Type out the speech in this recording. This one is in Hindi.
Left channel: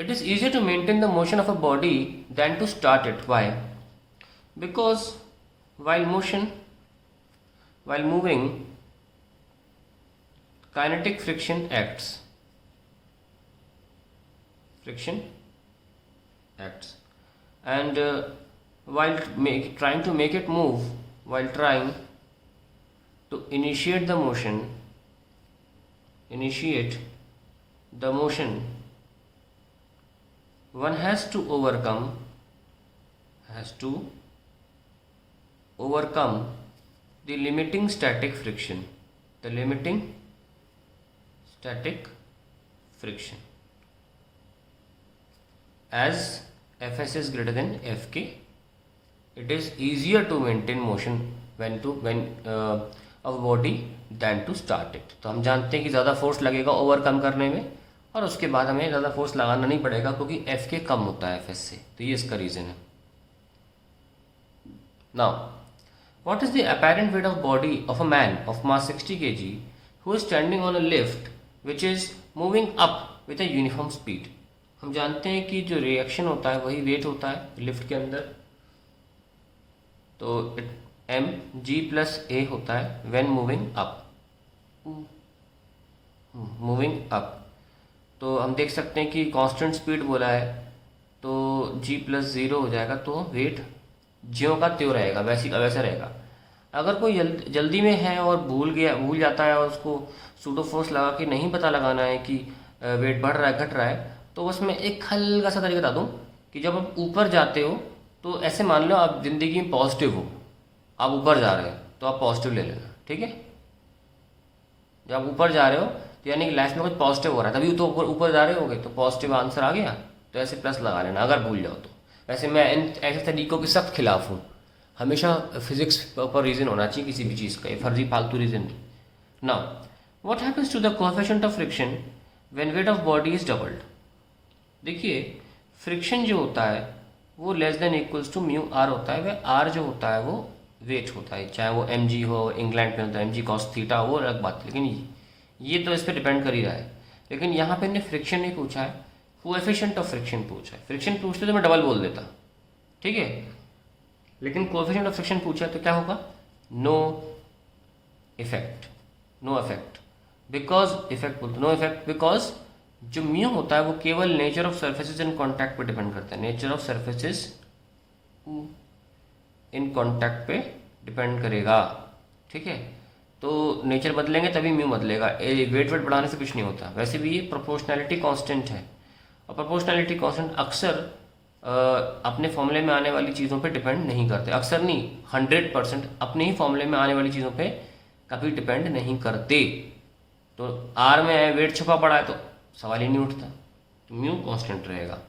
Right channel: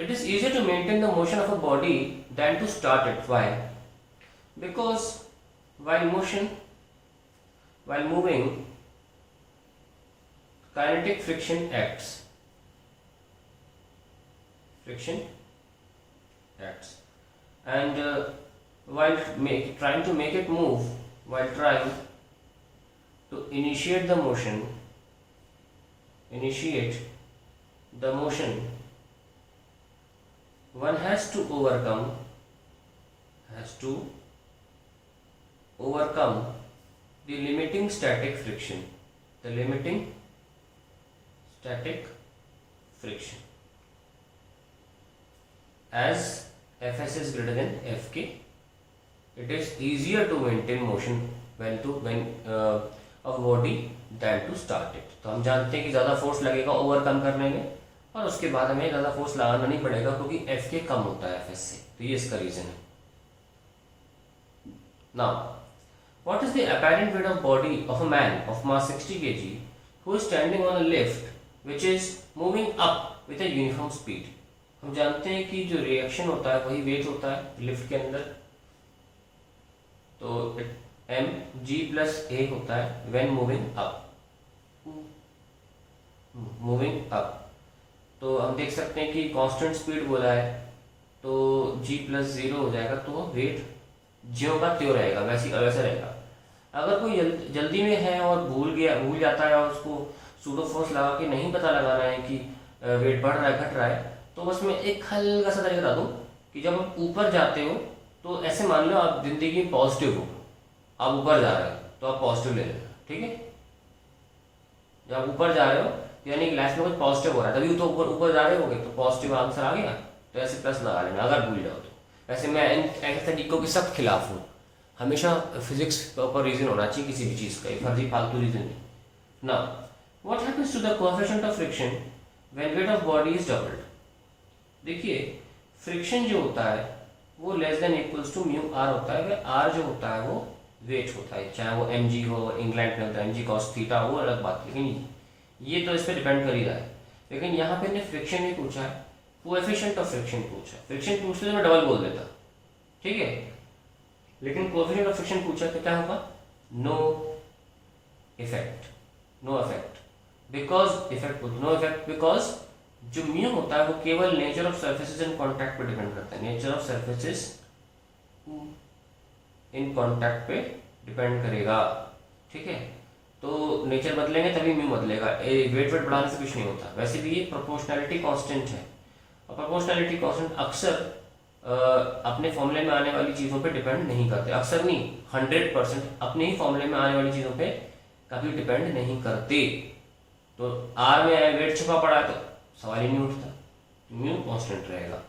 It is easier to maintain the motion of a body than to start it. Why? Because while moving, kinetic friction acts. And while trying to make it move, while trying to initiate the motion, one has to overcome the limiting static friction. As Fs is greater than Fk, it is easier to maintain motion of body than to start it. तो हम जानते हैं कि ज़्यादा फोर्स लगेगा ओवरकम करने में, और उसके बाद हमें ज़्यादा फोर्स लगाना नहीं पड़ेगा क्योंकि Fk कम होता है Fs से. तो ये इसका रीज़न है. Now, what is the apparent weight of body of a man of mass 60 kg who is standing on a lift which is moving up with a uniform speed? हम जानते हैं कि जो रिएक्शन होता है वही वेट होता है लिफ्ट के अंदर. तो mg+a होता है व्हेन मूविंग अप. तो हम देख सकते हैं कि कांस्टेंट स्पीड बोला है तो g+0 हो जाएगा. तो वेट ज्यों का त्यों रहेगा, वैसा रहेगा. अगर कोई जल्दी में है और भूल जाता है और उसको सूडो फोर्स लगा के नहीं पता लगाना है कि वेट बढ़ रहा है घट रहा है, तो उसमें एक हल्का सा तरीका बता दूँ कि जब आप ऊपर जाते हो तो ऐसे मान लो आप जिंदगी में पॉजिटिव हो, आप ऊपर जा रहे हो तो आप पॉजिटिव ले लेना. ठीक है, जब आप ऊपर जा रहे हो तो यानी कि लाइफ में कुछ पॉजिटिव हो रहा है, तभी तो ऊपर जा रहे होगे तो पॉजिटिव आंसर आ गया. तो ऐसे प्लस लगा लेना अगर भूल जाओ तो. वैसे मैं ऐसे तरीकों के सख्त खिलाफ हूँ. हमेशा फिजिक्स पर रीजन होना चाहिए किसी भी चीज़ का, फर्जी फालतू रीजन नहीं. Now what happens to the coefficient of friction when weight of body is doubled? देखिए, फ्रिक्शन जो होता है वो less than equals to mu R होता है. वह आर जो होता है वो वेट होता है, चाहे वो mg हो, इंग्लैंड में होता है mg cos थीटा, वो अलग बात. लेकिन ये तो इस पर डिपेंड कर ही रहा है. लेकिन यहाँ पे ने फ्रिक्शन नहीं पूछा है, कोएफिशिएंट ऑफ फ्रिक्शन पूछा है. फ्रिक्शन पूछते तो मैं डबल बोल देता, ठीक है, लेकिन कोएफिशिएंट ऑफ फ्रिक्शन पूछा तो क्या होगा? No effect. बिकॉज जो म्यू होता है वो केवल nature of surfaces in contact पे डिपेंड करता है. Nature of surfaces in contact पे डिपेंड करेगा. ठीक है, तो नेचर बदलेंगे तभी म्यू बदलेगा. वेट बढ़ाने से कुछ नहीं होता. वैसे भी ये प्रोपोर्शनैलिटी कांस्टेंट है, और प्रोपोर्शनैलिटी कांस्टेंट अक्सर अपने फॉर्मूले में आने वाली चीज़ों पे डिपेंड नहीं करते. अक्सर नहीं, 100% अपने ही फॉर्मूले में आने वाली चीज़ों पे कभी डिपेंड नहीं करते. तो आर में वेट छुपा पड़ा है तो सवाल ही नहीं उठता. तो म्यू कांस्टेंट रहेगा.